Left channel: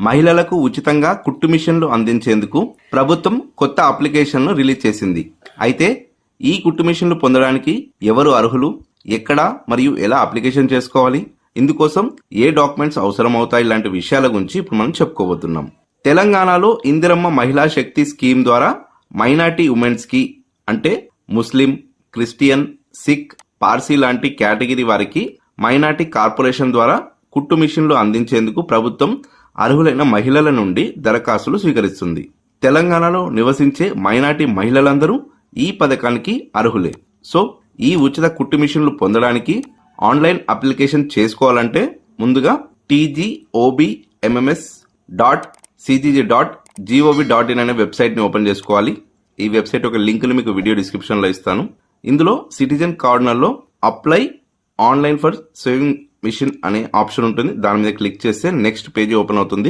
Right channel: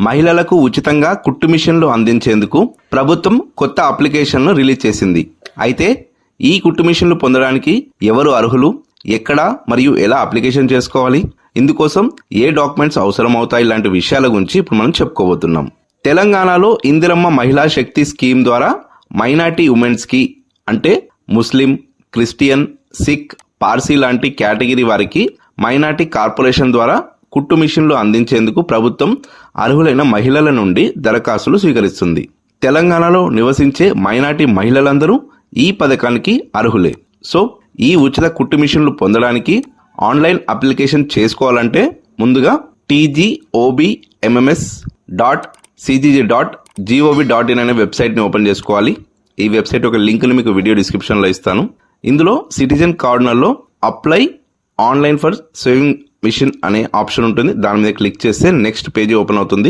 మహిళలకు ఉచితంగా కుట్టు మిషన్లు అందించేందుకు ప్రభుత్వం కొత్త అప్లికేషన్ను రిలీజ్ చేసింది. అయితే ఈ కుట్టు మిషన్లు పొందడానికి ఎవరు అర్హులు? ఎక్కడ మరియు ఎలా అప్లికేషన్ చేసుకోవాలి? ఇందుకోసం ఏ డాక్యుమెంట్స్ అవసరం అవుతాయి లాంటి విషయాల గురించి ఇప్పుడు మనం చెప్పుకోబోతున్నాం. తెలంగాణలో ఇందిరమ్మ మహిళా శక్తి స్కీమ్ ద్వారా మైనార్టీ ఉమెన్స్కి అంటే ముస్లిం క్రిస్టియన్ సిక్ పార్సీ లాంటి కేటగిరీ వారికి మైనార్టీ కార్పొరేషన్ ద్వారా కుట్టు మిషన్లు అందించేందుకు ప్రభుత్వం అర్హులైన మహిళల నుండి దరఖాస్తులు స్వీకరిస్తుంది. తెలంగాణలో నివసించే మైనార్టీ మహిళలందరూ ఈ పథకానికి అర్హులే. సో ఈ ఉచిత కుట్టు మిషన్లు పొందడానికి ఆన్లైన్ అప్లికేషన్ చేసుకోవాలంటే ముందుగా TGOBMMS dot CGG dot GOV dot in అనే వెబ్సైట్ని ఓపెన్ చేసుకోవాలి. ఈ వెబ్సైట్ ఒక లింక్ని మీకు వీడియో డిస్క్రిప్షన్లో ఇస్తాను. ఇందులో సిటిజన్ కార్నర్లో apply online for sewing machine అనే ఆప్షన్ ఉంటుంది. దాని మీద క్లిక్ చేస్తే నెక్స్ట్ పేజీ ఓపెన్ అవుతుంది.